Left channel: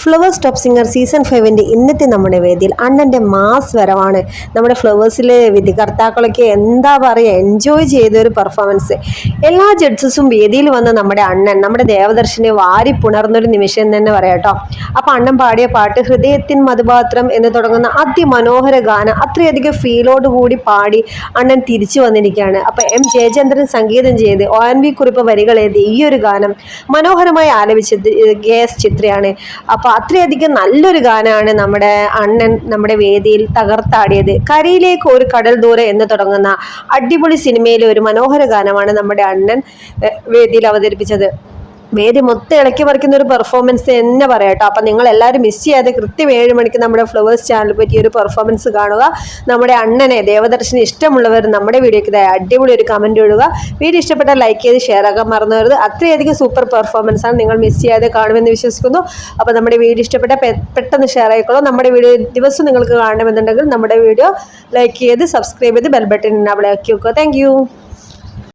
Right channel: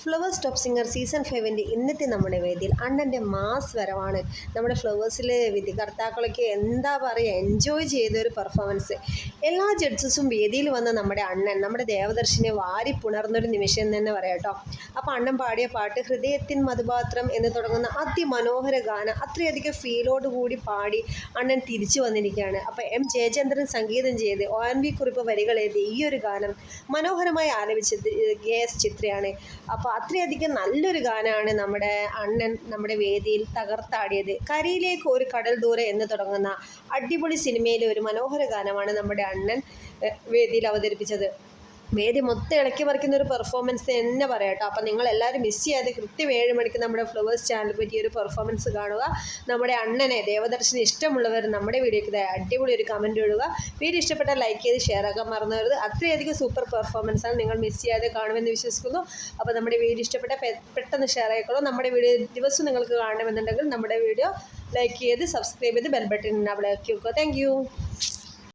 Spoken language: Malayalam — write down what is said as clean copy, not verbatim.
ഫ്ലവേഴ്സ് ടോപ്പ് സിംഗർ സീസൺ 5 ഇന്നത്തെ നമ്മുടെ വേദിയിൽ അണ്ണൻ്റെ മാസ് വരവാണ്. നമ്മുടെ ഫ്ലവേഴ്സിലെ വിധികർത്താക്കളൊക്കെ എന്താ പറയുക, എൻജോയ് ചെയ്തൊരു പെർഫോമൻസ്. എല്ലാ ജഡ്ജസും വേദിയിൽ വന്ന് നമ്മുടെ അണ്ണൻ, നമ്മുടെ ദേവദർശനെ വാരി പുണർന്നൊരു നിമിഷം തന്നെ പറയാം കേട്ടോ. അപ്പം അണ്ണൻ പാടിയ പാട്ട് ഹൃദയത്തിൻ മധുപാത്രം എന്ന് തുടങ്ങുന്ന അതിമനോഹര ഗാനം അത്രയധികം ഫീലോടുകൂടി പാടി അണ്ണൻ തിരിച്ചു വന്നിരിക്കുകയാണ്. അപ്പം എം ജയചന്ദ്രൻ സംഗീതം ചെയ്ത് ONV കുറിപ്പ് വരികൾ എഴുതി ഈ ഒരു ഗാനം മനോഹരമായി ആലപിച്ചത് GS ചിത്രയാണ്. അപ്പോൾ അത്രയധികം നല്ലൊരു ഗാനമാണ് നമ്മുടെ അണ്ണൻ നമ്മുടെ വേദിയിൽ തകർത്താടിയത്. കരയിലേക്ക് ഒരു കടൽ ദൂരെ എന്ന് തുടങ്ങുന്ന അടിപൊളി സിനിമയിലെ ഒരു മനോഹര ഗാനമാണ് നമ്മുടെ അണ്ണൻ വേദിയിൽ അവതരിപ്പിച്ചത്. വേദി മൊത്തം ഇളക്കി മറിക്കുന്ന ഒരു പെർഫോമൻസ് തന്നെ പറയാം കേട്ടോ. അപ്പം നിങ്ങൾ എല്ലാവരും മിസ് ചെയ്യാതെ കൃത്യം 7 മണിക്ക് നമ്മുടെ ഫ്ലവേഴ്സ് ചാനൽ പറ്റി ഒരു പെർഫോമൻസ് കാണുക. നമ്മുടെ അണ്ണനെ ദേവദർശന് ഇഷ്ടമുള്ളവർ നമ്മുടെ വീഡിയോയ്ക്ക് അടിപൊളി ഒരു കമൻറ്റ് ഇടുക. വീഡിയോ ഇഷ്ടപ്പെട്ടാൽ ലൈക്ക് ചെയ്ത് ഷെയർ ആക്കാൻ മറന്നു വരുത്. അത്രയധികം സൂപ്പർ പെർഫോമൻസ് ആണ്, നിങ്ങൾ മിസ് ചെയ്യാതെ കാണുമെന്ന് വിശ്വസിക്കുന്നു. അപ്പോൾ നമ്മുടെ വീഡിയോ ഇഷ്ടപ്പെട്ടാൽ പെട്ടെന്ന് ഷെയർ ആയിക്കോളൂ. നമ്മുടെ വീഡിയോ ദിവസം നിങ്ങൾക്ക് കാണണമെന്നുണ്ടെങ്കിൽ നമ്മുടെ വീഡിയോ ലൈക്ക് ചെയ്ത് സബ്സ്ക്രൈബ് ചെയ്ത് ബെൽ ബട്ടൺ അവിടെ ആക്കി വെക്കുക. താങ്ക്